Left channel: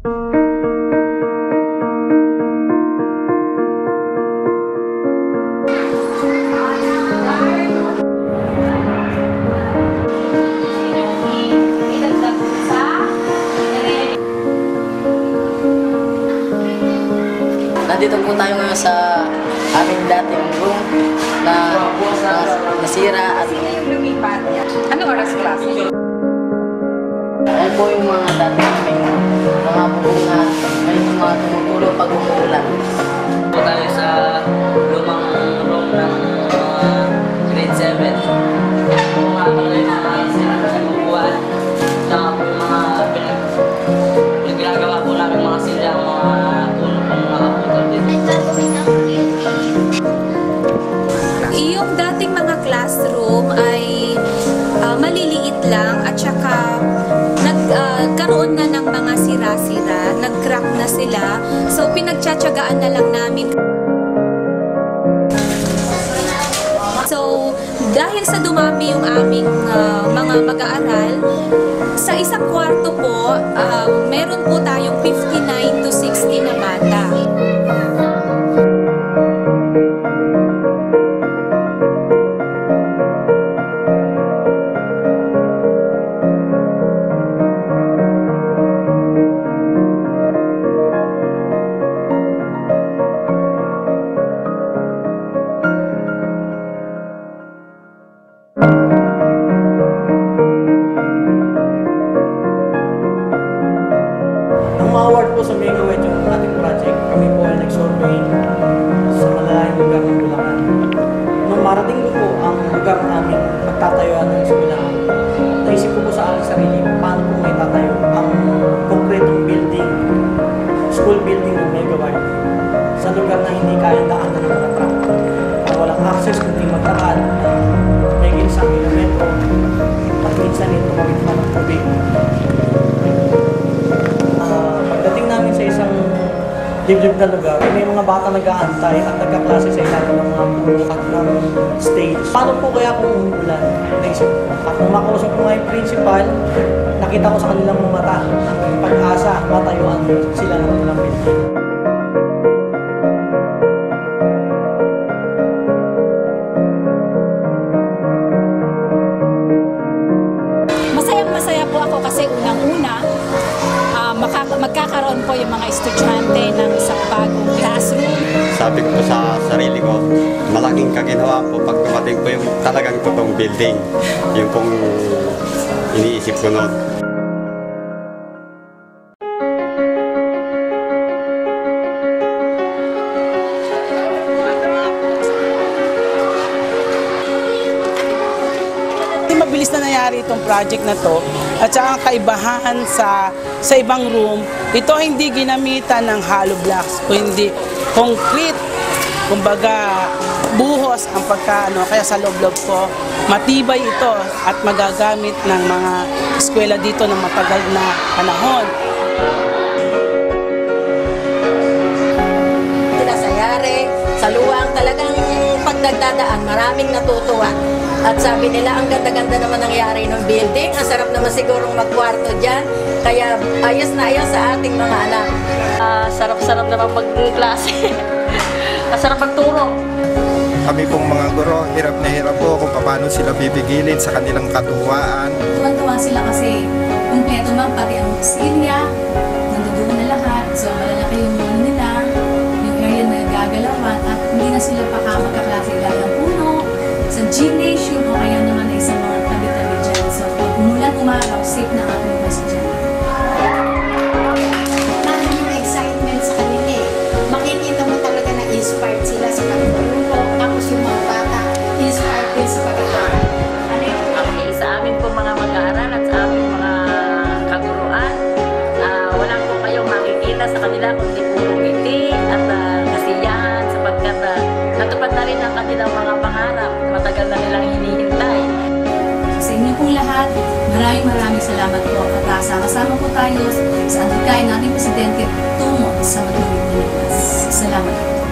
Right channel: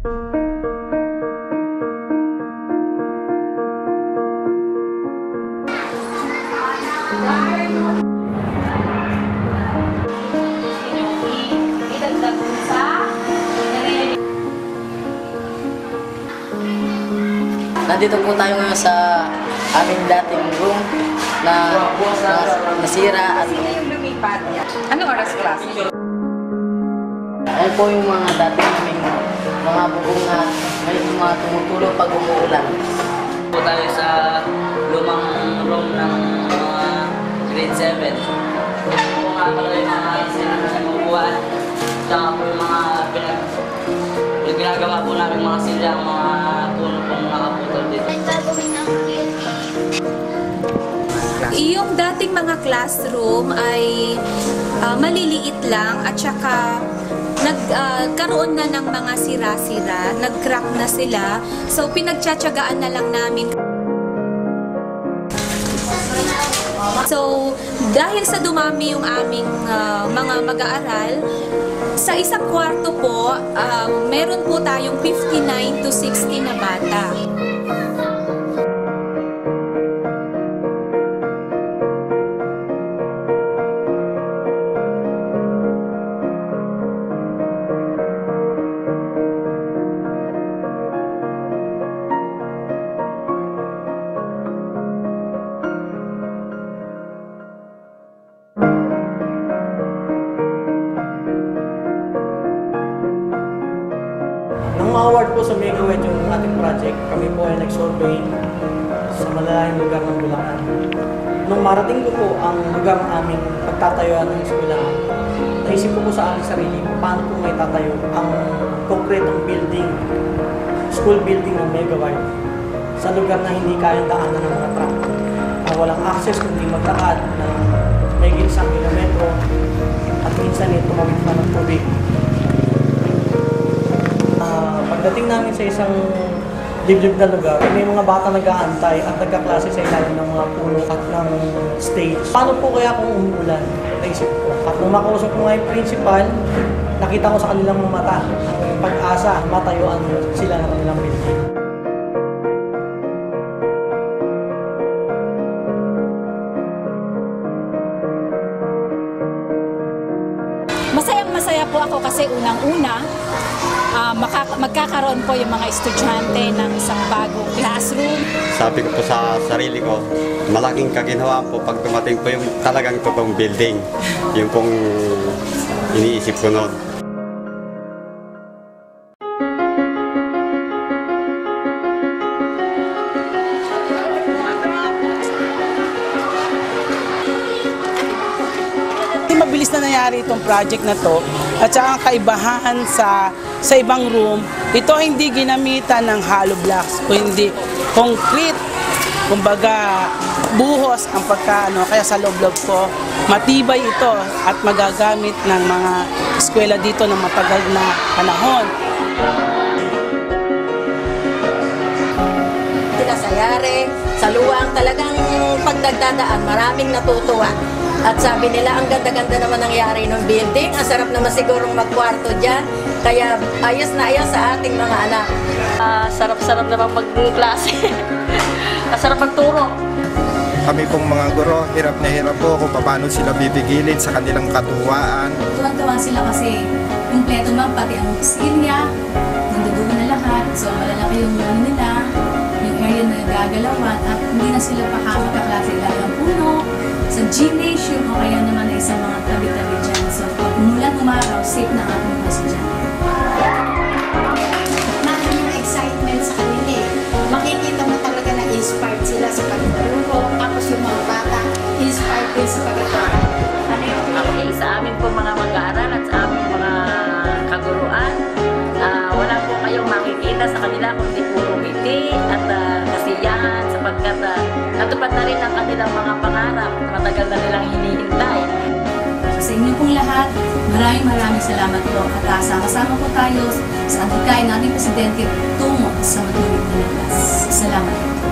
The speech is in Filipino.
Nandito po tayo ngayon sa aming dating room na nasira at lumipat niya. Anong oras klase? ayun po yung mga dating aming mga bubong na ngayon yung mga tumutulog pag umuulan. Po tayo sa lumang room ng grade 7. Kung nga pala yung mga sinubuan, tsaka po yung mga ginagawa po namin mga silya, mga puno pong nakaputol dito. Yung dating mga classroom ay maliliit lang at saka nagkaroon na ng mga sira-sira, nag-crack na sila. So pinagtsatsagaan na lang namin. So dahil sa dumami yung aming mga mag-aaral, sa isang kwarto po, meron po tayong 59 to 60 na bata. Nang ma-award po sa Megawet yung ating project, kami po ay nag-survey sa malalayang lugar ng Bulacan. Nung marating ko po ang lugar ng aming pagtatayuan ng eskwelahan, naisip ko po sa aking sarili paano po may tatayo ang konkretong building, school building ng Megawet sa lugar na hindi kayang daanan ng mga truck, na walang access kundi magdaan na may 1 kilometro at minsan ito tumawid pa ng tubig. Pagdating namin sa isang liblib na lugar, may mga bata nag-aantay at nagkaklase sa ilalim ng mga puno at ng stage. Paano po kaya kung umuulan? Naisip ko. At nung makausap ko nga yung principal, nakita ko sa kanilang mga mata ang pag-asa, matayuan sila ng kanilang building. Masayang-masaya po ako kasi unang-una, magkakaroon po yung mga estudyante ng isang bagong classroom. Sabi ko po sa sarili ko, malaking kaginhawaan po pag dumating po yung talagang totoong building. Yung pong iniisip ko noon. Mabilis na nangyari itong project na to at saka ang kaibahan sa ibang room, ito hindi ginamitan ng hollow blocks o hindi concrete, kumbaga buhos ang pagkaano, kaya sa loob-loob ko matibay ito at magagamit ng mga eskwela dito ng matagal na panahon. Sila sa Yare, sa Luwang, talagang pagdagdadaan, maraming natutuwa. At sabi nila, ang ganda-ganda naman nangyari ng building. Ang sarap naman sigurong magkwarto dyan. Kaya ayos na ayos sa ating mga anak. Sarap-sarap naman mag-klase. Sarap magturo. Kami pong mga guro, hirap na hirap po kung paano sila bibigilin sa kanilang katuwaan. Tuwan-tuwa sila kasi kumpleto man, pati ang silya, nandoon na lahat. So malalaki yung ano nila, yung area na gagalawan at hindi na sila magkaklase ilalang puno. Sa gymnasium o kaya naman ay sa mga tabi-tabi dyan. So pag umulan, umaraw, safe na ang ating mga estudyante. Nandun yung excitement sa kanila eh. Makikita mo talaga na inspired sila sa pagtuturo. Tapos yung mga bata, inspired din sa pag-aaral. Okay, sa amin po mga mag-aaral at sa aming mga kaguruan, wala po kayong makikita sa kanila kundi puro ngiti at kasiyahan sapagkat natupad na rin ang kanilang mga pangarap na matagal na nilang hinihintay. Sa inyo pong lahat, maraming salamat po at sama-sama po tayo sa adhikain nating Presidente tungo sa matuloy na ligas. Salamat po.